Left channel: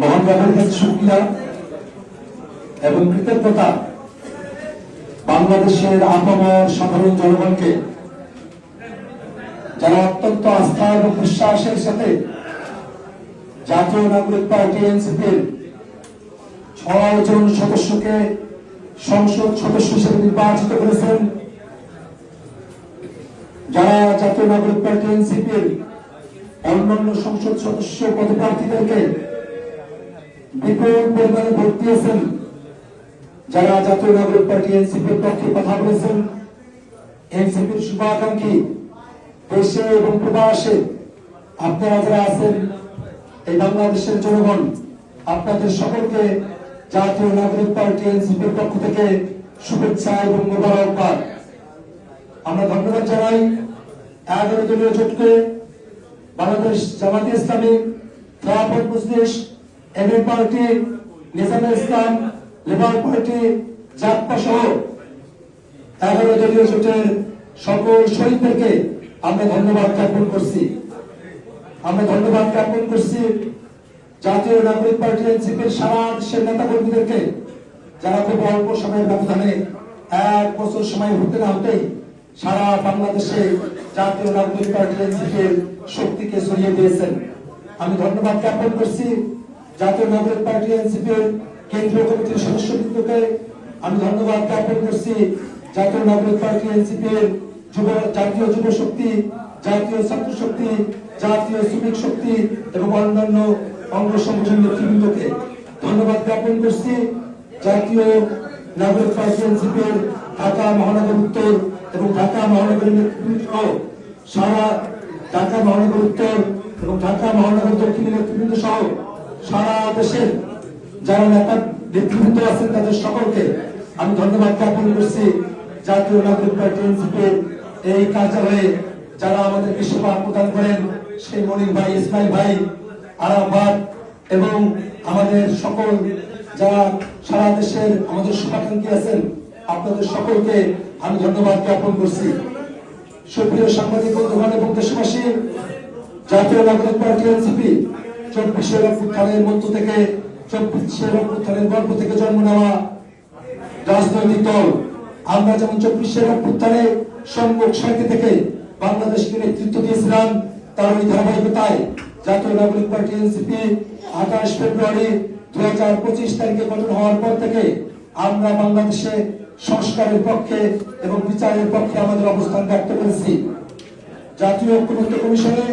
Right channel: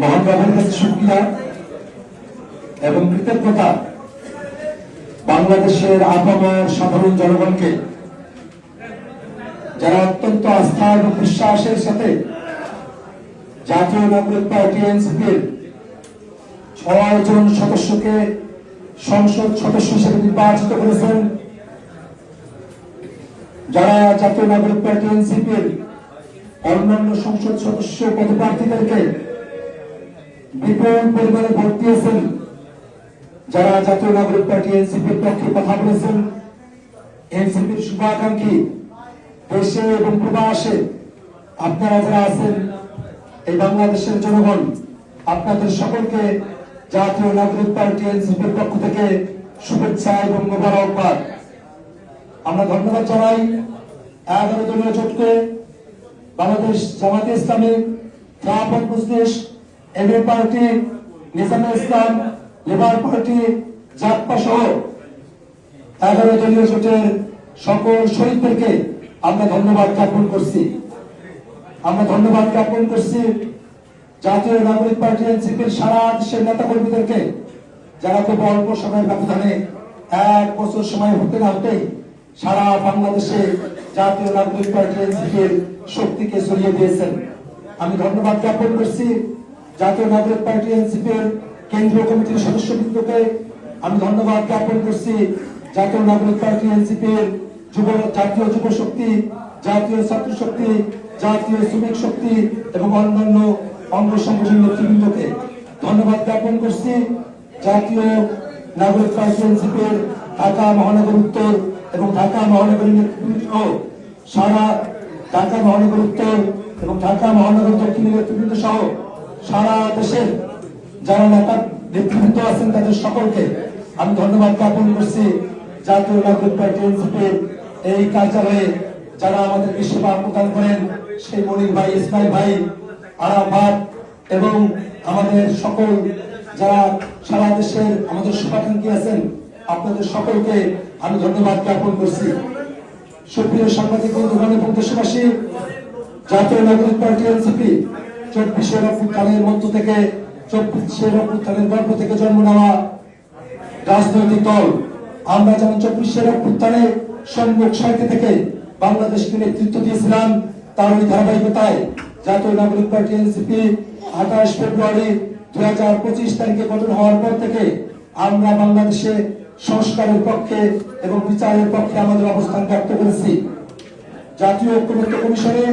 মহান রবের কাছে শুকরিয়া এবং কৃতজ্ঞতা বাংলাদেশের আপামর সাধারণ জনগণকে যারা অত্যন্ত আস্থা এবং বিশ্বাসের সাথে জাতীয় নাগরিক পার্টি এনসিপির 6 জন সদস্যকে সংসদ সদস্য হিসেবে নির্বাচিত করেছেন। যারা জাতীয় নাগরিক পার্টি এনসিপির অন্যান্য সংসদ সদস্য পদপ্রার্থীদেরকে বিপুল পরিমাণে ভোট দিয়েছেন, যারা জাতীয় নাগরিক পার্টি এনসিপির পক্ষে কথা বলেছেন, এনসিপির শুভাকাঙ্ক্ষী দেশে এবং প্রবাসে আপনারা যারা আছেন, এই বাংলাদেশের জনগণ আপনাদের সকলকে জাতীয় নাগরিক পার্টি এনসিপির পক্ষ থেকে শুভেচ্ছা এবং মোবারকবাদ। আমরা ধন্যবাদ জানাই 11 দলীয় জোটকে, বাংলাদেশ জামাতে ইসলামী, খেলাফত মজলিস, এমএ পার্টি, নিজামে ইসলাম, লেবার পার্টি, জাকপা সহ 11 দলীয় জোটের সকল শহীদদেরকে আমরা ধন্যবাদ জ্ঞাপন করছি। জাতীয় নাগরিক পার্টি এনসিপির সারা দেশের নেতা কর্মীদেরকে যারা খুব অল্প সময়ের ব্যবধানে 1 বছর সময় হতে না হতেই সারা বাংলাদেশে জাতীয় নাগরিক পার্টি এনসিপির শক্তিকে ছড়িয়ে দিয়েছেন। আমি ধন্যবাদ জ্ঞাপন করছি জাতীয় নাগরিক পার্টি এনসিপির কেন্দ্রীয় কমিটির সদস্যবৃন্দকে। আমি ধন্যবাদ জ্ঞাপন করছি জাতীয় নাগরিক পার্টি এনসিপির জাতীয় যুব শক্তি, জাতীয় ছাত্র শক্তি, জাতীয় শ্রমিক শক্তি এবং অন্যান্য অঙ্গ সংগঠন নেতৃবৃন্দকে। ধন্যবাদ জ্ঞাপন করছি জাতীয় নাগরিক পার্টি এনসিপির ঢাকা মহানগর উত্তর এবং ঢাকা মহানগর নেতৃবৃন্দ, সারা ঢাকা মহানগর উত্তর এবং ঢাকা মহানগর দক্ষিণের নেতৃবৃন্দ সহ সারা দেশের যারা নেতা নেতৃবৃন্দ আছেন তাদের সকলকে আমি ধন্যবাদ জ্ঞাপন করছি। জাতীয় নাগরিক পার্টি এনসিপির এই কার্যালয়ে যারা আমাদেরকে সেবা প্রদান করেন, সেই মনির ভাই, ইসমাইল ভাই, আরাফাত এবং আমাদের সকল যারা সারা দেশের আমাদের শুভাকাঙ্ক্ষী আছেন, আপনাদের সকলকে আমি ধন্যবাদ জ্ঞাপন করছি। সুপ্রিয় সাংবাদিক বন্ধুগণ এবং দেশবাসী, জাতীয় নাগরিক পার্টি এনসিপি 24 অভ্যুত্থানের মধ্য থেকে 24 অভ্যুত্থানের গর্ভ থেকে জন্ম নেওয়া রাজনৈতিক দল। আমরা যেমন 24 অভ্যুত্থানে সম্মুখ সারিতে থেকে বাংলাদেশকে নেতৃত্ব দিয়েছিলাম, তার ওই ধারাবাহিকতায় জাতীয় নাগরিক পার্টি এনসিপি 28 ফেব্রুয়ারি 2025 তারিখে গঠন হওয়ার পর থেকে আমরা বাংলাদেশে সংস্কারের পক্ষে এবং বিচারের পক্ষে আমাদের অবস্থান ব্যক্ত করেছি। জাতীয় ঐক্যমত্য কমিশনে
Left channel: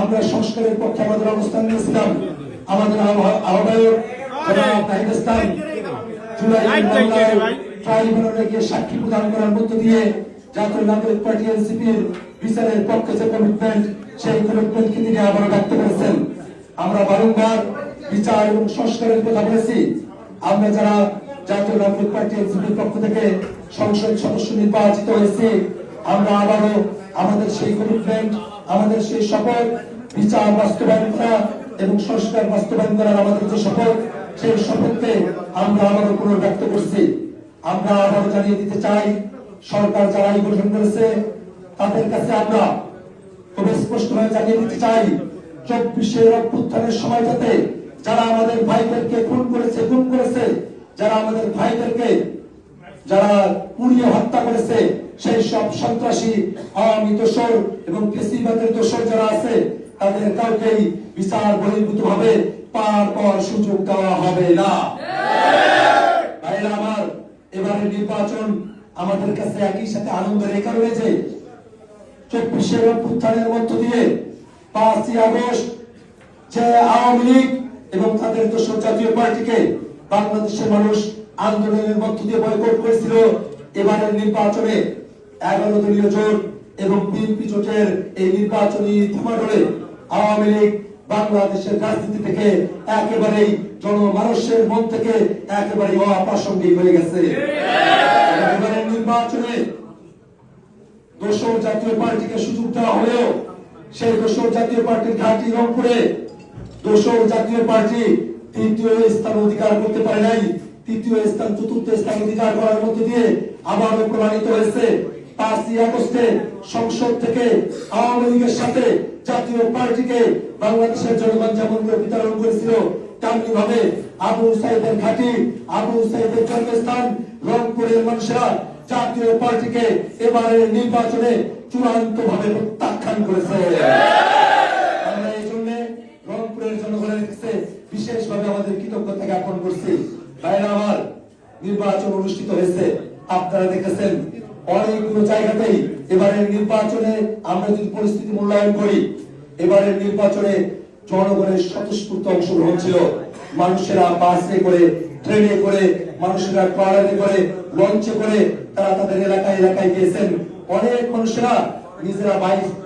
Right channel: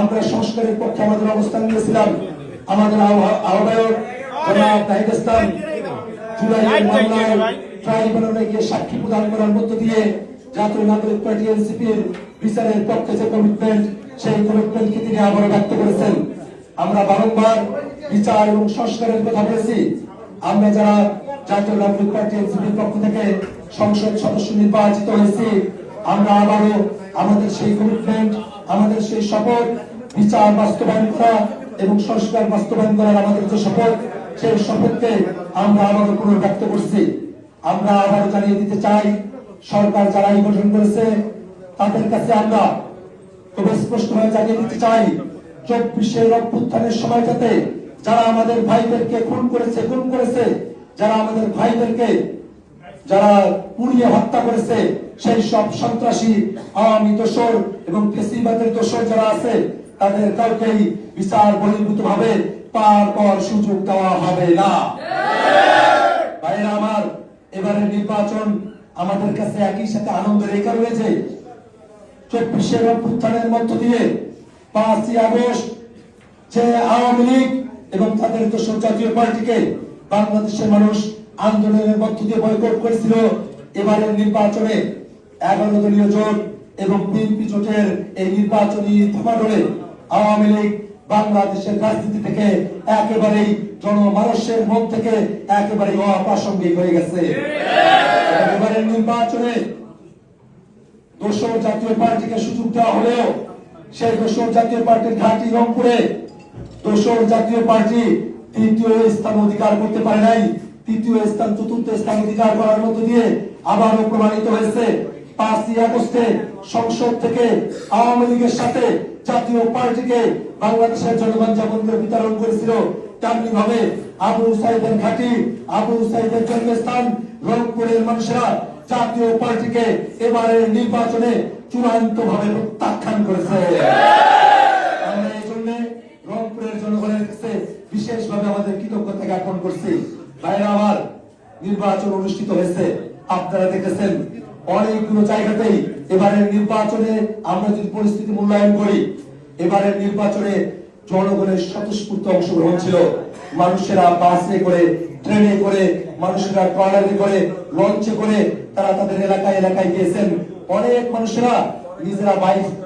আমরা সংস্কারের পক্ষে আমাদের অবস্থান নিয়েছিলাম। আমাদের আহ্বায়ক জনাব নাহিদ ইসলাম জুলাই মামলায় ট্রাইব্যুনালে গিয়ে সাক্ষী প্রদান করার মধ্য দিয়ে জাতীয় নাগরিক পার্টি এনসিপির বিচারের পক্ষে যে কমিটমেন্ট, সেই কমিটমেন্টকে তিনি আবারও ব্যক্ত করেছেন। আমরা বারংবার বিচার এবং সংস্কারের কথা বলেছি। আমরা যারা জাতীয় নাগরিক পার্টি এনসিপির পক্ষ থেকে সংসদ সদস্য নির্বাচিত হয়েছি, আমরা আবারও আমাদের সেই কমিটমেন্ট, আমাদের সেই শপথ, বিচার বাস্তবায়ন করা এবং সংস্কার বাস্তবায়ন করার আমাদের যে শপথ, সেই শপথকে আমরা আবারও পুনর্ব্যক্ত করছি। আমরা আবারও জানিয়ে দিতে চাই, সরকার যারাই গঠন করেছে তাদের কাছে আমরা খুব স্পষ্টভাবে জানিয়ে দিতে চাই, 24 অভ্যুত্থানের সময় যাতে যারা আমাদের ভাইদেরকে খুন করেছে, যারা আমাদের ভাইদেরকে যারা পুড়িয়ে হত্যা করেছে, সেই সব সন্ত্রাসী, আওয়ামী দোসর এবং ফ্যাসিবাদের দোসর যারা আছে, তাদের কাউকেই বিচার বহির্ভূত ভাবে পার পর সুযোগ দেওয়া হবে না। ভাইরা আমার, এবারের নির্বাচন আমাদের কাছে একই সাথে আনন্দের এই কারণে যে 24 অভ্যুত্থানের মধ্য দিয়ে 5ই আগস্ট যে আওয়ামী লীগ এবং তাদের দোসর জাতীয় পার্টিকে বাংলাদেশের মানুষ আন্দোলনের মধ্য দিয়ে বয়কট করেছিল, এবারের নির্বাচনে 11 দলীয় জোট এবং বিএনপি জোটের এই নির্বাচনী ধুমাডোলে আওয়ামী লীগ বাংলাদেশের রাজনীতি থেকে একেবারেই জনমানুষের মন থেকে একেবারেই অপ্রাসঙ্গিক হয়ে গেছে। এবারের নির্বাচনে দোসর জাতীয় পার্টিকে সুযোগ দেওয়া হলেও সেই দোসর জাতীয় পার্টির ঘাঁটি রংপুরে দোসর জাতীয় পার্টি 3য় স্থান অধিকার করতে পারে নাই। 3য় স্থান 4র্থ স্থান অধিকার করার মধ্য দিয়ে আবারও প্রমাণিত হয়েছে 5ই আগস্টে সংসদ থেকে আওয়ামী লীগের সাথে জাতীয় পার্টিকে বাংলাদেশের জনগণ যেমন বিতরণ করেছিল, তেমনি ভাবে আবু সাইদের ঘাঁটি, আবু সাইদের জন্মস্থান রংপুরের মানুষেরা জাতীয় পার্টিকে এবারের নির্বাচনে চূড়ান্ত ভাবে প্রত্যাখ্যান করেছে। আমরা এই জন্য রংপুরের জনগণের কাছে বিশেষভাবে আমাদের কৃতজ্ঞতা জ্ঞাপন করছি। ভাইরা আমার, নির্বাচন অনুষ্ঠিত হয়েছে, আপনারা দেখেছেন অনেকগুলো জায়গাতেই এবারের নির্বাচনে আমরা যদি পরিস্থিতি মূল্যায়ন করি, এবারের নির্বাচনে জনগণের স্বতঃস্ফূর্ত অংশগ্রহণ ছিল। মানুষেরা বাসে করে, ট্রেনে করে, মানুষেরা ট্রলারে করে, লঞ্চে করে তারা তাদের এলাকায় এলাকায় গিয়েছেন। অনেক মানুষেরা নিজেরা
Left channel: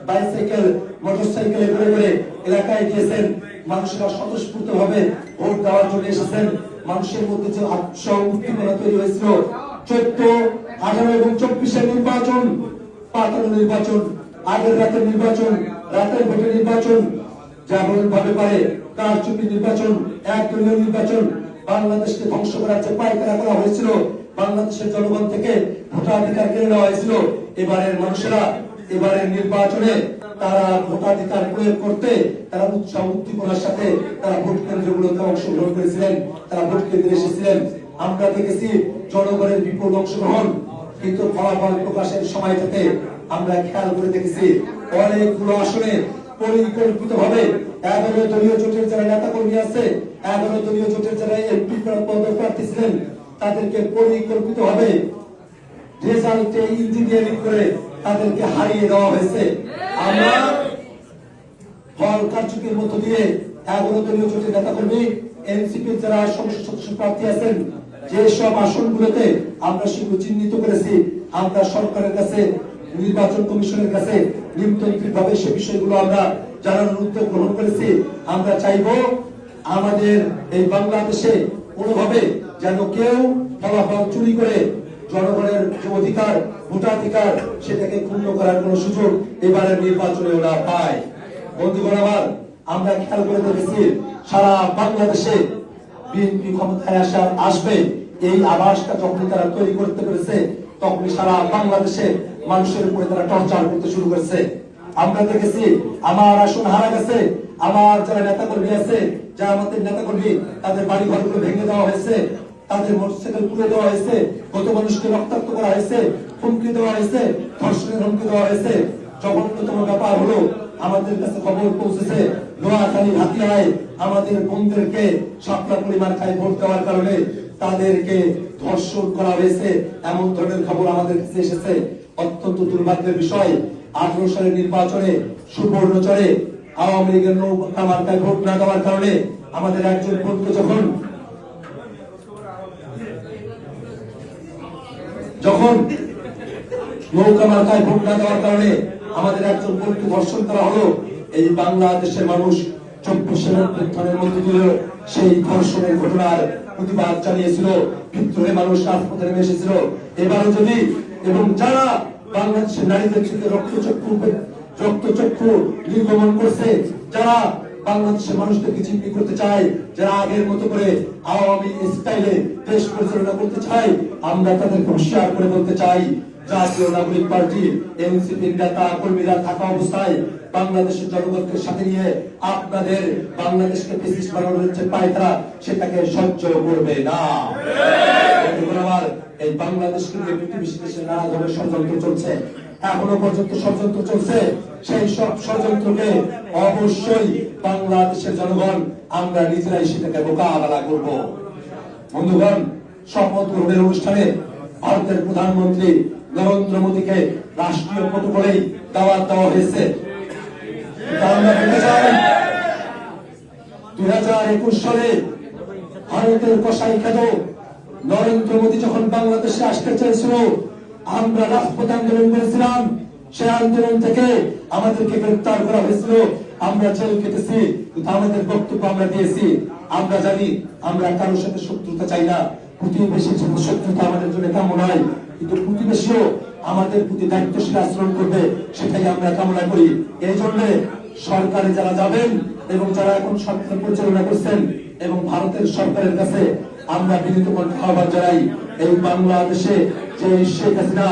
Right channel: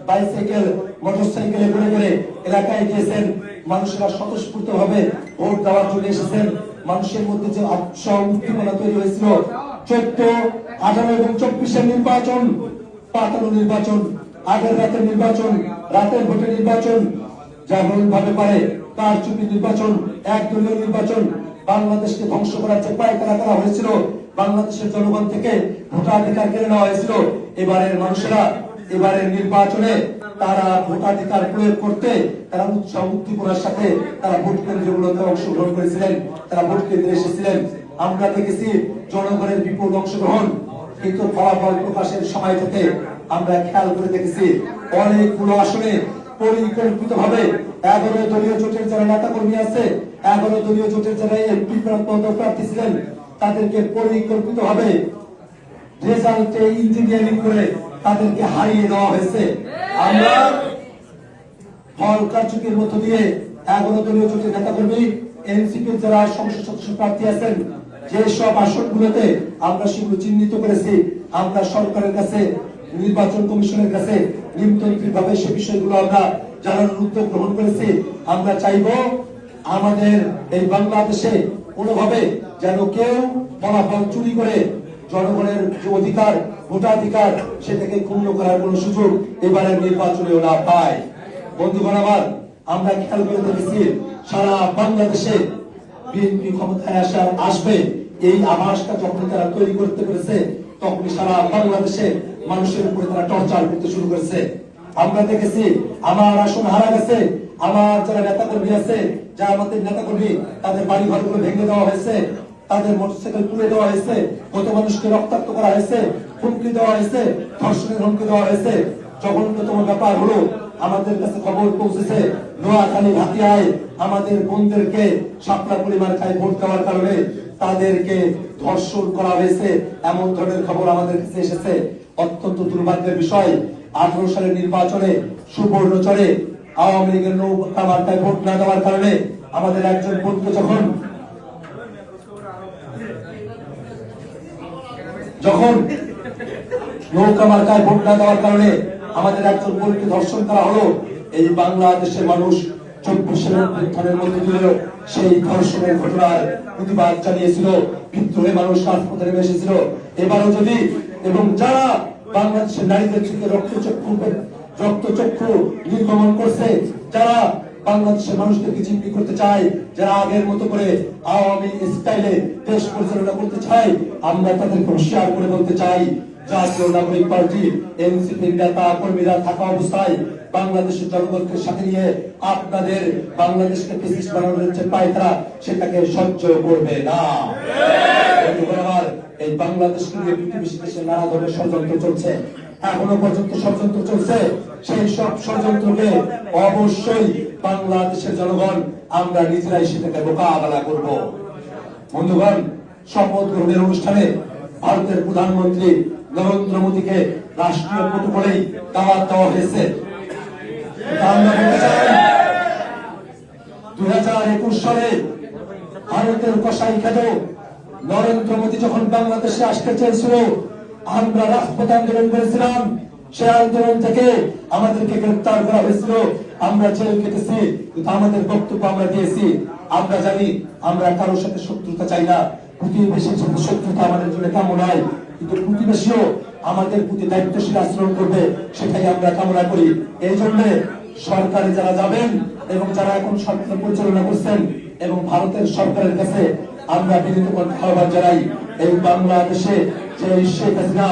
বাইসাইকেল, মোটরসাইকেলে করে করে এলাকায় গিয়েছেন। মানুষেরা স্বতঃস্ফূর্ত ভাবে ভোট দেওয়ার জন্য এসেছেন। মানুষের মধ্যে যে উৎসাহ উদ্দীপনা তৈরি হয়েছিল, 14, 18 এবং 24-এর নির্বাচন, পাতানো নির্বাচন, আগের রাতের নির্বাচন, রাতের ভোটের নির্বাচন, যেমন ভাবে পারে কারচুপি নির্বাচন, একদলীয় নির্বাচন, বাংলাদেশকে ধ্বংস করার যে পায়তারা করা হয়েছিল, বাংলাদেশের জনগণ থেকে ভোটাধিকার কেড়ে নেওয়া হয়েছিল। এবারের মানুষেরা এবারের নির্বাচনে তারা ভোটাধিকার প্রয়োগ করতে তারা উৎসাহ উদ্দীপনার সাথে তারা ভোট কেন্দ্রগুলোতে অংশগ্রহণ করেছিলেন, তারা ভোট কেন্দ্রে এসেছিলেন। আমরা দেখেছি জনগণের বিপুল অংশগ্রহণ, কিন্তু ফলাফল প্রকাশের সময়টাতে আমরা খেয়াল করে দেখেছি অনেকগুলো আসনে পরিকল্পিত ভাবে 11 দলীয় জোটের যারা নেতা কর্মী আছে, 11 দলীয় জোটের যারা এমপি পদপ্রার্থী ছিলেন, তাদেরকে পরিকল্পিত ভাবে রেজাল্টে ইঞ্জিনিয়ারিং করে তাদেরকে হারিয়ে দেওয়া হয়েছে। আমরা ফল কারচুপির মধ্য দিয়ে 11 দলীয় জোটের নেতা কর্মী, এনসিপির যারা সংসদ সদস্য প্রার্থী আছেন, যে সব আসনগুলোতে আমরা সেগুলো চিহ্নিত করেছি, আমরা সরকারের কাছে, নির্বাচন কমিশনের কাছে নিমন্ত্রিত ভাবে সে বিষয়গুলো আমরা জানানোর উদ্যোগ গ্রহণ করেছি। আমরা চাইব আমাদের এই বাংলাদেশে কোনোভাবে যেন কেউ ফলাফল চুরি করে জনগণের যে অধিকার, ভোটাধিকার, সেটাকে ক্ষুণ্ণ করার কোন সুযোগ এবারের নির্বাচনেও না পায়। বন্ধুগণ আমার, আমরা খেয়াল করে দেখেছি সারা বাংলাদেশে বিএনপি ক্ষমতায় আসবে এই আভাসটা যখন তারা তৈরি করতে পেরেছে, তখন সারা বাংলাদেশে মানুষের উপরে তারা টর্চার করতে শুরু করেছে। আমরা দেখেছি আমার আসন হারা গেছে, আমার যারা নেতা কর্মী আছে, যা আমাদের নেতা কর্মী, তাদের বাড়ি ঘরগুলো ভেঙে দেওয়া হয়েছে, তাদের মোটরসাইকেল পুড়ে দেওয়া হয়েছে, কত মানুষকে রক্তাক্ত করা হয়েছে, হুমকি দেওয়া হয়েছে, ধর্ষণের হুমকি দেওয়া হয়েছে। জঘন্যতম ব্যাপার হলো আমাদের কাছে খবর পৌঁছেছে নোয়াখালী ভাতিয়ায় আমাদের বোনদেরকে সাপলা পরিমাণ খায় ভোট দেওয়ার কারণে তাদেরকে ধর্ষণ করা হয়েছে, এমন ধরনের খবর আমাদের কাছে এসেছে। অত্যন্ত দুর্ভাগ্যের বিষয়, 18 সালের নির্বাচনে সুবর্ণচরে আওয়ামী লীগের নৌকা মার্কায় ভোট না দেওয়ার কারণে আমাদের একজন বোনকে যখন নৌকা মার্কায় ভোট না দেওয়ার কারণে আমাদের একজন বোনকে ধর্ষণ করা হলো, এই বাংলাদেশের মানুষ 24 অভ্যুত্থানের মধ্যে দিয়ে সেই ধর্ষণের ঘটনার প্রতিবাদ জানিয়েছিল, বিদ্রোহে মানুষ রাজপথে নেমে এসেছিল। এবারও যদি এবং যারা বাংলাদেশের নারীদের থেকে রক্তচক্ষু নির্গমন করছে, যারা বাংলাদেশের মানুষদেরকে জিম্মি করতে চায়, যারা আগের মতো করে আওয়ামী স্টাইলে দেশ পরিচালনা করতে চায়, আমরা তাদেরকে হুঁশিয়ার করে বলতে চাই, জাতীয় নাগরিক পার্টি এনসিপির নেতা কর্মীরা থাকা অবস্থায় বাংলাদেশের জনগণকে সাথে নিয়ে আপনাদের বাংলাদেশকে ফ্যাসিস্ট বানানোর যে পায়তারা, সেটাকে সহ্য করবে না। এই বাংলাদেশকে নিয়ে পৃথিবীর দেশে নানা ধরনের ষড়যন্ত্র চলছে, এখনো পর্যন্ত ষড়যন্ত্র চলছে। সেই সব ষড়যন্ত্রকে অবশ্যই বাংলাদেশের জনগণ আমরা নিজেরাই সেটাকে মোকাবেলা করব। বন্ধুগণ, শপথ গ্রহণের অনুষ্ঠানে ভারতের প্রধানমন্ত্রী নরেন্দ্র মোদীকে রাষ্ট্রীয় প্রটোকলেই দাওয়াত দেওয়া হয়েছে। 2021 সালে ভারতের কসাই খেদ নরেন্দ্র মোদী যখন বাংলাদেশে আসতে চেয়েছিল, আমরা রাজপথ আন্দোলন করেছিলাম। সেই আন্দোলন থেকে আমাদেরকে গ্রেফতার করা হয়েছিল, আমরা জেল কেটেছি, কিন্তু আমাদের বক্তব্য আমরা দিয়েছি। আমরা জানি আমরা কারোর সাথে শত্রুতা চাই না, প্রতিবেশীর সাথে শত্রুতা আমাদের জন্য কামনা নয়, কিন্তু প্রতিবেশীও আমাদের প্রতি দায়িত্বশীল আচরণ করবে, সেটাই আমরা কামনা করি। এই জন্য সরকারে যারা যাবেন এবং যারা এখন সরকার পরিচালনা করছেন এবং ভারতের সরকারের কাছে আমরা বিনীত আহ্বান জানাই, এই বাংলাদেশে যে শেখ হাসিনা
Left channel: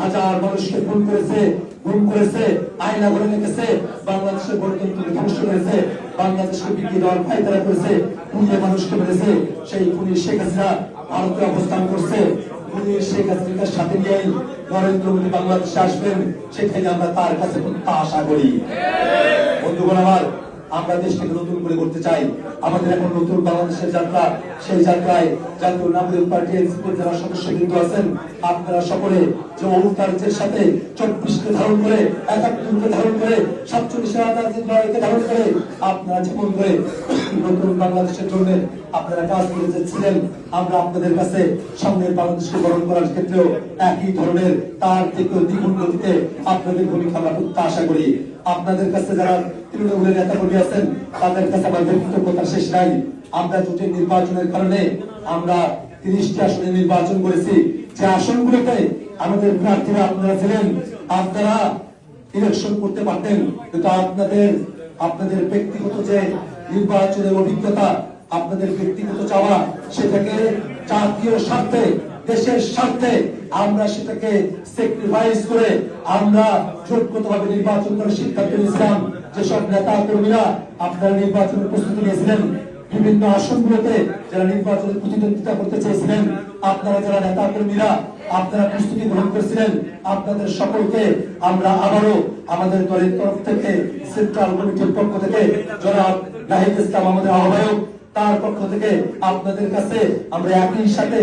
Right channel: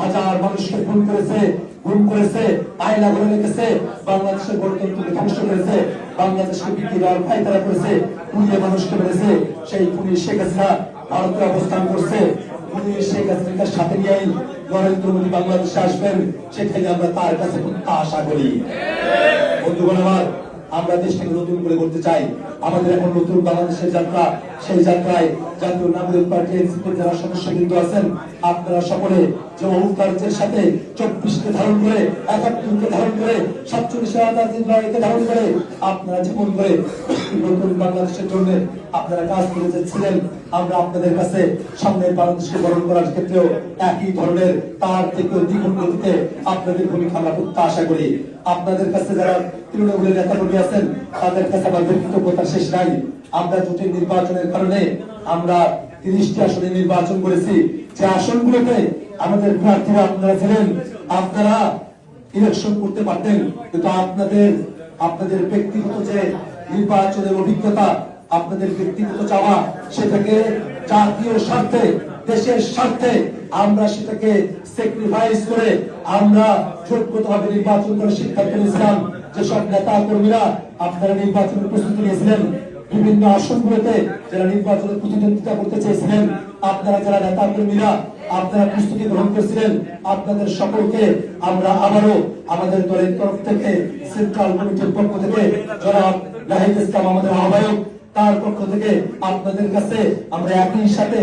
হাজার মানুষকে গুম করেছে, আয়না ঘরে রেখেছে, বাংলাদেশের গণতন্ত্রকে ধ্বংস করেছে, বাংলাদেশকে বিক্রি দেওয়ার ফায়দা করেছে, পুলিয়ে মানুষকে মেরেছে, সেই পুলিশ শেখ হাসিনা ভারতে অবস্থান করছে। পুলিশ শেখ হাসিনার সাথে নিয়েই নরেন্দ্র মোদী বাংলাদেশে আসবেন, সেখানে আমরা তার কাছে আশা করি। বন্ধুগণ আমার, আমরা দেশকে নতুন করে করতে চাই। আমাদের এখন নতুন বাংলাদেশের যাত্রা, সেই যাত্রায় জাতীয় নাগরিক পার্টি এনসিপির যারা সদস্যবৃন্দ আছেন, আপনারা সকলে যে অবতারের সাথে 24কে ধারণ করে, 71কে ধারণ করে, 47কে ধারণ করে, আপনারা জীবন করে নতুন বাংলাদেশের জন্য আপনারা কাজ করে যাচ্ছিলেন, আমরা আপনাদের কাছে সামনের বাংলাদেশকে গ্রহণ করার ক্ষেত্রেও একই ধরনের তার থেকে দ্বিগুণ গতিতে আপনাদের ভূমিকা আমরা প্রত্যাশা করি। আপনাদের কাছে যারা তৃণমূলের নেতা কর্মী আছেন, তাদের কাছে আমার কৃতজ্ঞতা শেষ নাই। আমরা জোটের নির্বাচনের কারণে আমরা 30টি আসনে নির্বাচন করেছি, যে আসনগুলোতে আমাদের প্রার্থীরা আপনারা ছিলেন, আপনারা ইলেকশন করতে পারতেন, কিন্তু আপনাদের ব্যক্তিগত যে নির্বাচনের অভিজ্ঞতা, আপনাদের ব্যক্তিগত চাওয়া, সেটাকে জাতীয় স্বার্থে, দেশের স্বার্থে আমরা সেটাকে স্যাক্রিফাইস করে আমরা যোগ্যভাবে নির্বাচন করে সিদ্ধান্ত নিয়েছিলাম। যেসব নেতা কর্মীরা আপনারা নির্বাচনের প্রস্তুতি নিয়েছিলেন, বিভিন্ন আসনগুলোতে যারা নির্বাচনের প্রতিদ্বন্দ্বিতা করতে চেয়েছিলেন, আপনারা যারা নেতা কর্মীরা আপনারা প্রস্তুতি গ্রহণ করেছিলেন, আপনাদের সকলকে আমরা আবারও আমাদের দলের তরফ থেকে, সেন্ট্রাল কমিটির পক্ষ থেকে, যারা নাহিদ ইসলাম আমাদের আহ্বায়ক, তার পক্ষ থেকে আপনাদের কাছে আমরা একই সাথে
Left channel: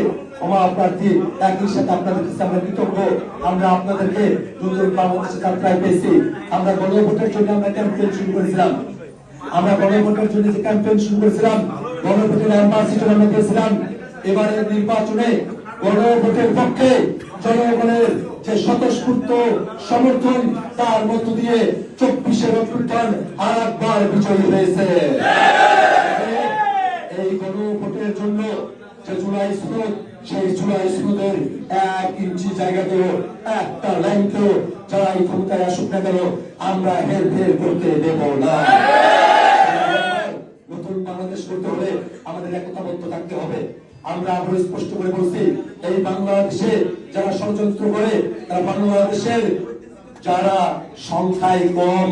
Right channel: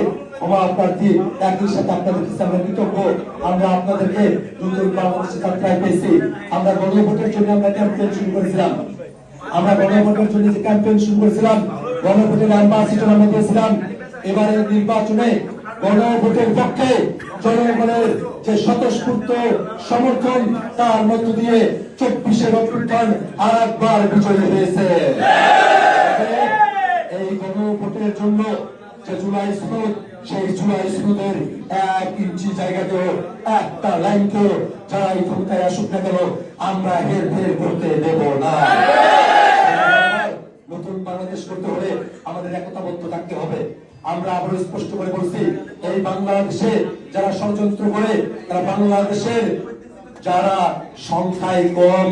প্রার্থী, একই সাথে আপনাদের কাছে আমরা কৃতজ্ঞ। আমরা আপনাদেরকে নতুন বাংলাদেশের যাত্রায় পেয়েছি। আমরা গণভোটের জন্য আমরা ক্যাম্পেইন শুরু করেছিলাম, গণভোটের অ্যাম্বাসিডর আমরা দিয়েছিলাম। এবারে নির্বাচনে গণভোটের পক্ষে জনগণের যে স্বতঃস্ফূর্ত সমর্থন, তার মধ্য দিয়ে 24-এর অভ্যুত্থান আর একবার বিজয়ী হয়েছে। এই গণভোটের জন্য যে জুলাই সনদ, সেই জুলাই সনদের 1 ইঞ্চি জায়গাতেও, একটা লাইনকেও যারাই ক্ষমতায় আসুক না কেন, আমরা হেরফের করতে দেব না। নতুন বাংলাদেশ করতে হলে আমাদের একতাবদ্ধ থাকতে হবে। আমরা আরো স্পষ্ট করে বলছি, এই বাংলাদেশে যারা ষড়যন্ত্র করে, তারা বাংলাদেশের যারা সংখ্যায় কম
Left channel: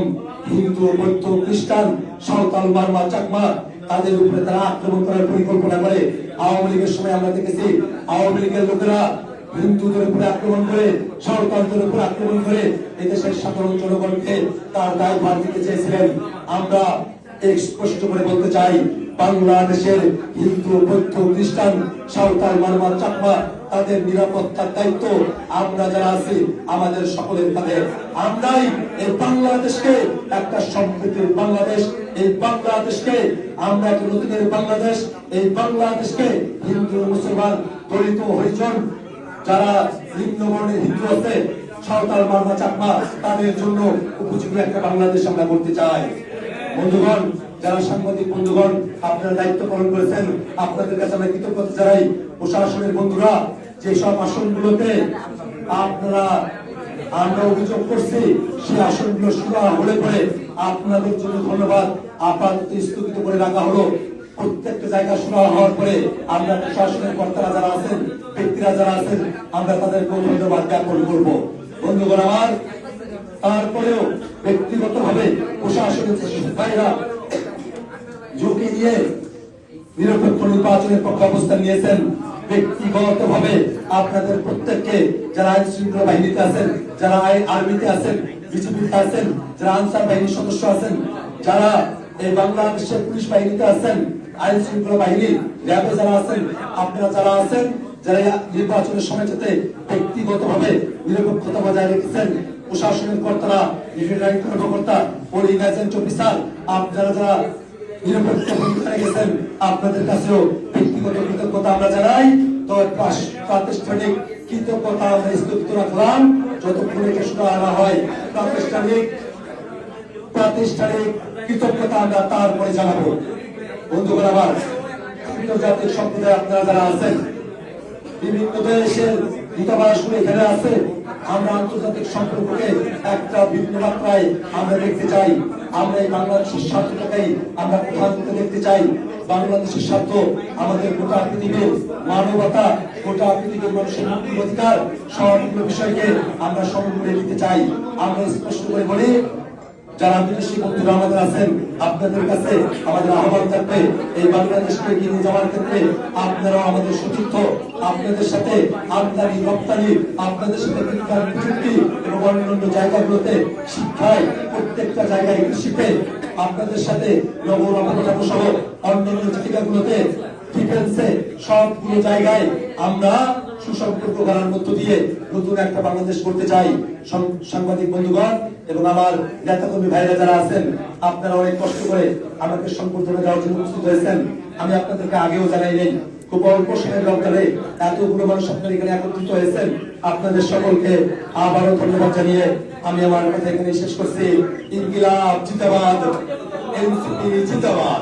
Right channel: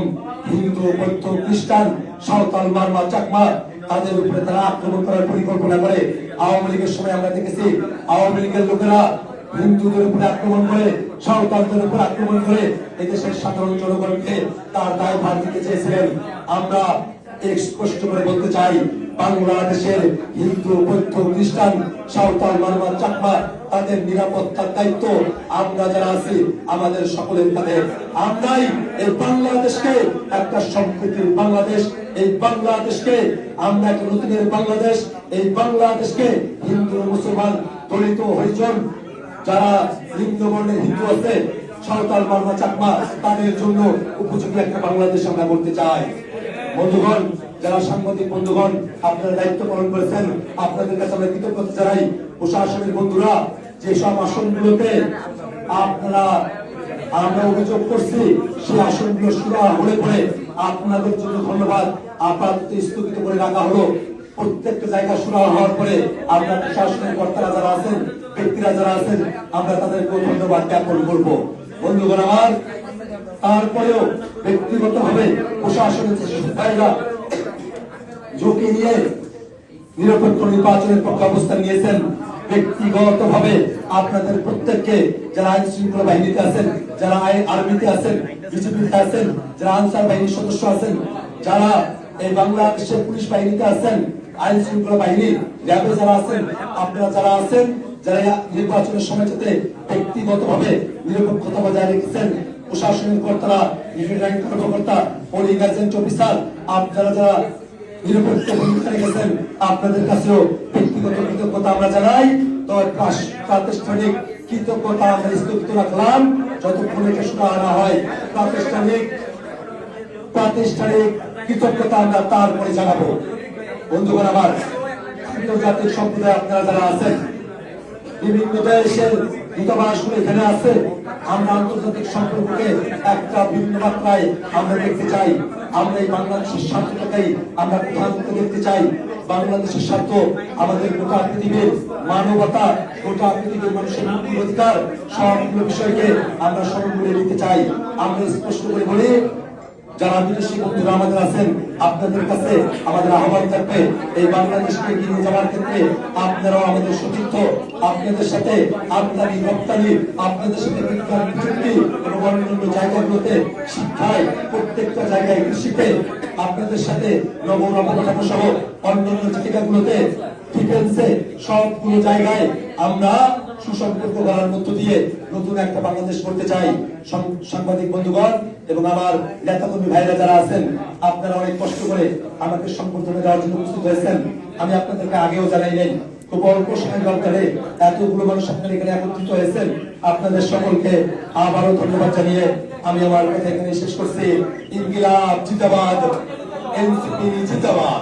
হিন্দু, বৌদ্ধ, খ্রিস্টান, সাঁওতাল, মারমা, চাকমা, তাদের উপরে তারা আক্রমণ করার পরিকল্পনা করে। আওয়ামী লীগের সময় আমরা দেখেছি, আওয়ামী লীগের লোকেরা হিন্দুদের উপরে আক্রমণ করে, সাঁওতালদের উপরে আক্রমণ করে এদেশের সাধারণ জনগণকে তার দায় ভার দিতে চেয়েছিলেন। আমরা স্পষ্ট করে বলতে চাই, বাংলাদেশের হিন্দু, বৌদ্ধ, খ্রিস্টান, সাঁওতাল, মারমা, চাকমা, তাদের নিরাপত্তার দায়িত্ব আমরা যারা আছি আমাদের সকলের কাঁধে। আমরাই এই বাংলাদেশকে একটা সম্প্রীতির বাংলাদেশ, এই বাংলাদেশকে আমরা একটা নতুনের বাংলাদেশ, এই বাংলাদেশকে হিন্দু, মুসলমান, দলিত, হরিজন, যারা লিপ্ত বর্ণের হিন্দু আছে, সাঁওতাল, মারমা, চাকমা, তাদের জন্য উপযোগী একটা বাংলাদেশ আমরা করতে চাই। বন্ধুগণ, যারা সাংবাদিক বন্ধুগণ আপনারা দায়িত্ব পালন করেছেন, আপনাদের কাছে আমরা কৃতজ্ঞতা জানাই। প্রশাসনের বন্ধুরা, যেসব আসনগুলোতে আমরা অভিযোগ করছি, সেই আসনগুলো সুরা হলে পরে আপনাদের জন্য ধন্যবাদ। আপাতত স্থগিত করে রাখা হলো। প্রত্যেকটা জায়গা সুরা হওয়ার পরে আমরা প্রশাসনের কর্তারা যারা আছেন, ব্যক্তিরা যারা আছেন, আমরা তাদেরকে ধন্যবাদ জ্ঞাপন করবো। বন্ধুগণ আমার, তারপরেও ব্যক্তিগত ভাবে প্রশাসনের ভাইরা ঝুঁকি নিয়ে নিরপেক্ষ নির্বাচনের পক্ষে অবস্থান নিয়েছেন। ব্যক্তিগত ভাবে আপনাদের প্রত্যেককে, যারা আইন শৃঙ্খলা বাহিনীতে আছেন, যারা আর্মিতে আছেন, বিজেপিতে আছেন, যারা আনসার বাহিনীর সদস্য আছেন, যারা এই বাংলাদেশের পুলিশ বাহিনীতে আছেন, আইন শৃঙ্খলা বাহিনী র্যাবে যারা আছেন, আপনারা যারা আছেন, যারা নির্বাচনের সময় যাতে ব্যক্তিগত ভাবে নিরপেক্ষতা বজায় রেখেছেন, প্রশাসনিক কর্তারা, রিটার্নিং কর্মকর্তা, পোলিং এজেন্ট অফিসার, আপনারা যারা নিরপেক্ষ ভূমিকা রেখেছেন, আপনাদের কাছেও ব্যক্তিগত কৃতজ্ঞতা আমরা জানাই। তো প্রাতিষ্ঠানিক কৃতজ্ঞতা আমরা স্থগিত রাখলাম, যতক্ষণ এটা শুরু আনা হয়। প্রাতিষ্ঠানিক কৃতজ্ঞতা আমরা তারপরে জানাবো। বন্ধুগণ আমার, আন্তর্জাতিক সম্প্রদায় আপনারা যারা আছেন, বিভিন্ন দেশের দূতাবাসগুলো এখানে আছে, আমরা আন্তর্জাতিক সম্পর্ককে একটা ভিন্ন মাত্রায় আমরা দেখতে চাই। আমরা এই বাংলাদেশের স্বার্থটাকেই আমরা প্রধানত দেখতে চাই। বাংলাদেশের স্বার্থ আমাদের গোটা পৃথিবীর মানবতা, গোটা পৃথিবীর মানুষের মুক্তির অধিকার, সবগুলো বিষয়কে আমরা সমন্বয়ে নিতে চাই। আমরা স্পষ্ট করে বলি, যারা বিদেশি বন্ধুরা আমাদের আছেন, আপনাদের কাছে আমাদের আহ্বান থাকবে, এই বাংলাদেশকে এগিয়ে নিয়ে যাওয়ার ক্ষেত্রে আপনারাও আমাদের সতীর্থ, আপনাদের সাথে আমদানি রপ্তানি, আপনাদের সাথে বিজ্ঞান প্রযুক্তি এবং অন্যান্য জায়গাগুলোতে শিক্ষায়, প্রত্যেকটা জায়গায় কৃষিতে আপনাদের সাথে নগর অবকাঠামো সহ অন্যান্য জায়গাগুলোতে ডিফেন্সে সবগুলো জায়গায় আমরা সুসম্পর্ক করার মধ্য দিয়ে নতুন একটা বাংলাদেশ করতে চাই। সাংবাদিক বন্ধুগণ এবং আমার নেতাকর্মী ভাইরা যারা আছেন, আপনারা অনেক কষ্ট করে আমাকে সম্পর্কটা দেওয়ার জন্য উপস্থিত হয়েছেন। আমি আপনাদেরকে আগেও জানাই নেই, খুব অল্প সময়ের ব্যবধানে এতগুলো মানুষ আপনারা এখানে একত্রিত হয়েছেন। আপনাদের সকলকে আবারও ধন্যবাদ জানিয়ে আমি আমার কথা এখানে শেষ করছি। ইনকিলাব জিন্দাবাদ, এনসিপি জিন্দাবাদ।